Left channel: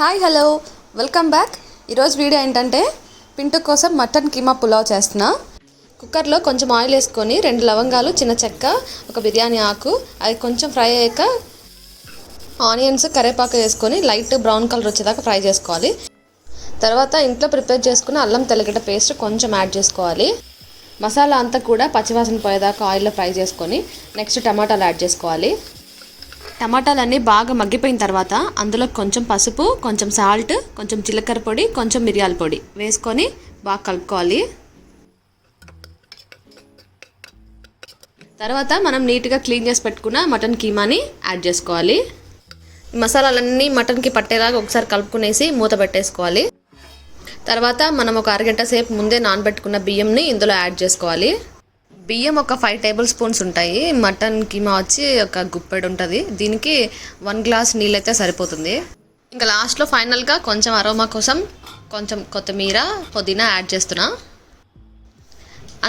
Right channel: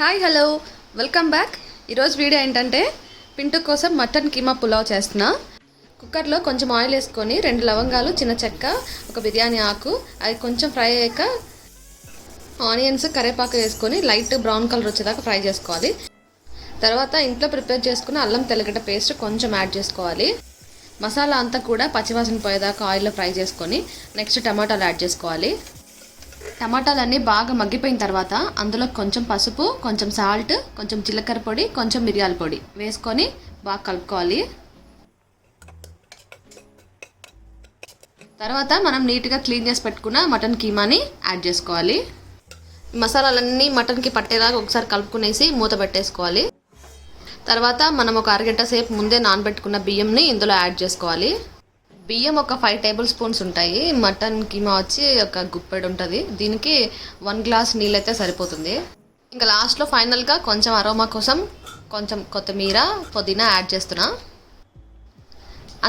Hi hello welcome back. ఈరోజు video ఏంటంటే పింటు కోసం మటన్ కీమా పులావ్ చేస్తున్నా. కుక్కర్లో కొంచెం ఆయిల్ వేసుకొని 2 లవంగాలు, చిన్న చెక్క, ఒక బిర్యానీ ఆకు, అది కొంచెం ఫ్రై అయ్యాక ఆనియన్స్, కరివేపాకు వేసుకొని లైట్ బ్రౌన్ కలర్ వచ్చేదాకా ఫ్రై చేసుకోవాలి. తర్వాత ఇంట్లో ప్రిపేర్ చేసుకున్న అల్లం తెల్లగడ్డ పేస్ట్ కొంచెం యాడ్ చేసుకోవాలి. మసాలా అంతా కూడా పచ్చివాసన పోయేదాకా ఆయిల్లో ఫ్రై చేసుకొని నెక్స్ట్ టమాటాలు యాడ్ చేసుకోవాలి. టమాటాలన్నీ బాగా మగ్గిపోయిన తర్వాత అందులో కొంచెం పసుపు, కొంచెం సాల్ట్, కొంచెం జీలకర్ర పొడి, కొంచెం మిరియాల పొడి వేసుకొని బాగా కలుపుకోవాలి. తర్వాత మనం నీట్గా క్లీన్ చేసి పెట్టుకున్న మటన్ కీమాని యాడ్ చేసుకోవాలి. మసాలాలన్నీ మటన్కి పట్టేలాగా ఒకసారి కలుపుకునేసి మూత పెట్టేసుకోవాలి. తర్వాత మనం ఒక అరగంట సేపు ముందే నానబెట్టుకున్న బియ్యంని ఇందులో యాడ్ చేసుకోవాలి. బియ్యం ఒక 5 టేబుల్ స్పూన్స్ ఉంటాయి. మటన్ కీమా వచ్చి ఒక గుప్పెడు ఉంటుంది. దీనికి 1 గ్లాస్ నీళ్ళైతే సరిపోతుంది. ఇంకా లాస్ట్లో ఫైనల్గా కొంచెం అరోమా కోసం కొంచెం కొత్తిమీర, పుదీనా యాడ్ చేస్తున్నా.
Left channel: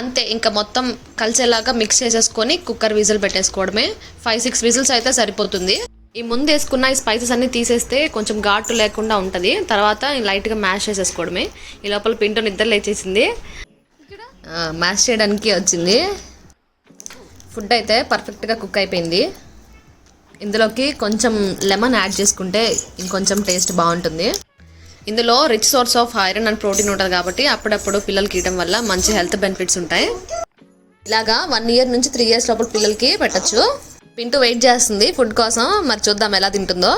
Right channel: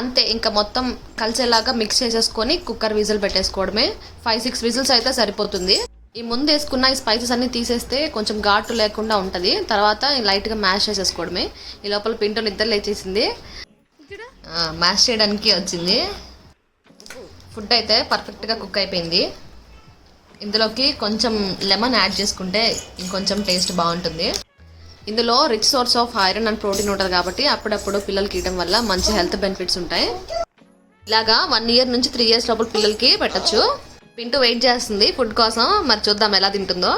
అంతే, ఇంకా మొత్తం కలిసేలాగా మిక్స్ చేసేసుకొని కుక్కర్ విజిల్ పెట్టేసుకోవడమే. 5-6 విజిల్స్ అయితే సరిపోతుంది. ఈ ముందు వేసుకున్న ఈ స్పైసెస్ అన్నీ తీసేస్తే కొంచెం ఘాటు లేకుండా ఉంటుంది. తర్వాత లైట్గా మ్యాష్ చేసేసుకోవడమే. ఈ లోపల పింటో నిద్ర లేచేసింది, మ్యాష్ చేయడానికి వచ్చింది. ఫుడ్ అయితే పర్ఫెక్ట్గా కుక్ అయిపోయింది. ఇందులోకి కొంచెం లెమన్ యాడ్ చేసుకుంటే ఇంకొంచెం టేస్ట్ బాగుంటుంది. ఇందులో rich source of iron and protein ఉంటుంది కాబట్టి అప్పుడప్పుడు పిల్లలకి ఇవ్వడం వల్ల మంచి హెల్త్ బెనిఫిట్స్ ఉంటాయి. ఇలాగా 1 ఇయర్ నుంచి 3 ఇయర్స్ లోపల పిల్లలకి పెట్టచ్చు. పింటూ వెయిట్ చేస్తుంది ఫుడ్ కోసం, మరి చూద్దాం ఎలా తింటుందో.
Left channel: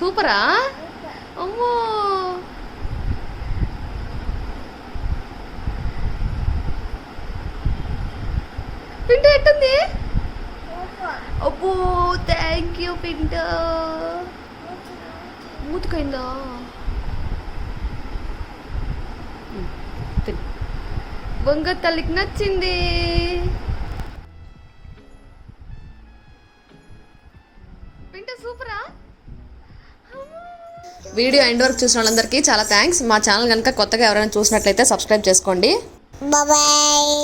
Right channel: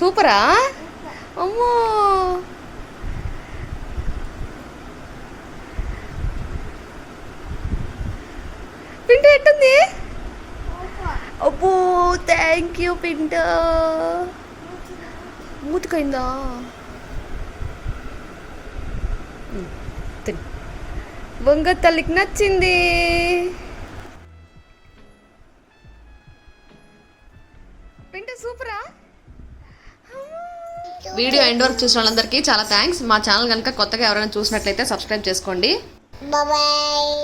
సూపరా? అమ్మో, పింటూ ఎట్టుంది? అబ్బో, థ్యాంక్ యూ పింటూ. మూతికైందా? బొంగ తల్లికి నచ్చింది. పింటూ సూపరా? వీడియో ఎండ్ వరకు చూసిన వాళ్ళందరికీ చాలా థ్యాంక్స్. మా ఛానల్ కనుక కొత్తగా ఎవరైనా చూసినట్లయితే సబ్స్క్రైబ్ చేసుకోండి. బాయ్.